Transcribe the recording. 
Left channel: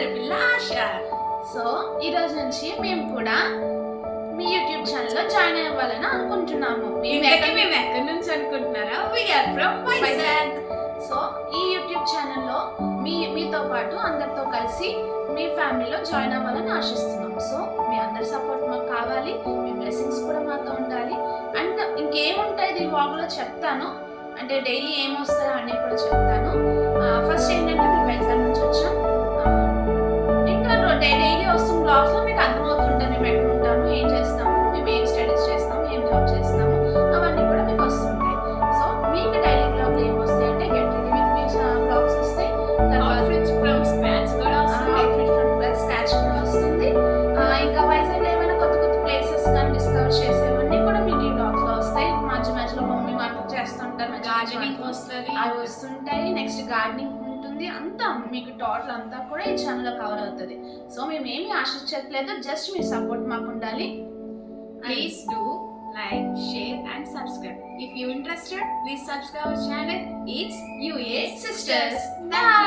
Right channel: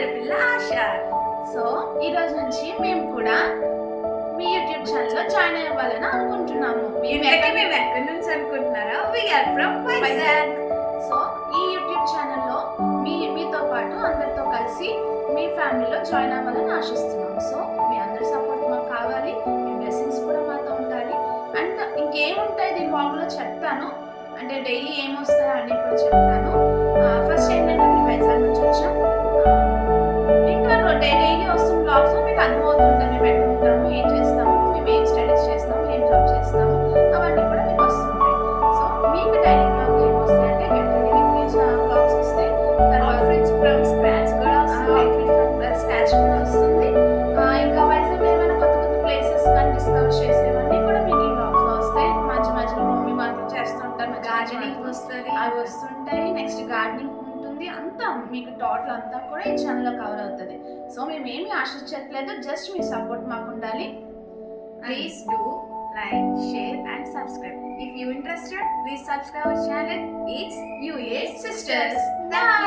అల్లరి పిల్ల ఆశ. సో ఈ రోజు నుంచి మేము కూడా మీ యూట్యూబ్ ఛానల్లో జాయిన్ అవ్వాలని అనుకుంటున్నాము. మేము ఎక్కడి నుంచి అనుకుంటున్నారా? We are from Vizag. సో ఈ యూట్యూబ్ ఛానల్లో మీతో పాటు అందరితో కలిసి మీ ఫ్యామిలీలో జాయిన్ అవ్వాలని ఆశిస్తున్నాం. సో మీ అందరి సపోర్ట్ మాకు కావాలి, మీ బ్లెస్సింగ్స్ కూడా మాతో ఉండాలి. అండ్ ఇంకేముంటాయి దీని వ్లాగ్లో చెప్తాను, అంటే డైలీ ఏమొస్తాయో అన్నీ కూడా చెప్తాను. ఫస్ట్ ఏంటంటే మేము వైజాగ్ నుంచి వచ్చాం. ఇంకా డైలీ వస్తున్న బ్లాగ్స్లో మీకు అర్థమవుతుంటుంది మేము ఎక్కడ ఉంటాము, ఏం చేస్తాము, మేము ఏం స్టడీస్ చేస్తాము, ఏం జాబ్ చేస్తాము, అవన్నీ కూడా మీకు వస్తుంటాయి. సో మీకు డైలీ బ్లాగ్లు ఏం వస్తాయి అంటే get ready with me blogs వస్తాయి, అవుట్ఫిట్స్ ఫ్రమ్ స్క్రాచ్ కూడా వస్తుంది. ఇంకా వైజాగ్లో ఏమైనా కొత్త కొత్త ప్లేసెస్ కానీ డిస్కవర్ చేసేవన్నీ కూడా మీకు ఈ బ్లాగ్స్లో వస్తాయి. మధ్య మధ్యలో మమ్మీ వంట చేస్తుంటారు, గార్డెనింగ్ వస్తుంది, అవి వస్తుంటాయి. నెక్స్ట్ గార్డెనింగ్ ఉంటుంది, అంతా మీకు టోటల్ అంతా కూడా ఈ ఛానల్లో కవర్ అవుతుంది. సో మేము ఏమి ఆశించట్లేదు, జస్ట్ మీ సపోర్ట్ మాకు ఉండాలి. Please do like, share and subscribe. If you interested, please subscribe our channel. It's UA Sisters. Bye.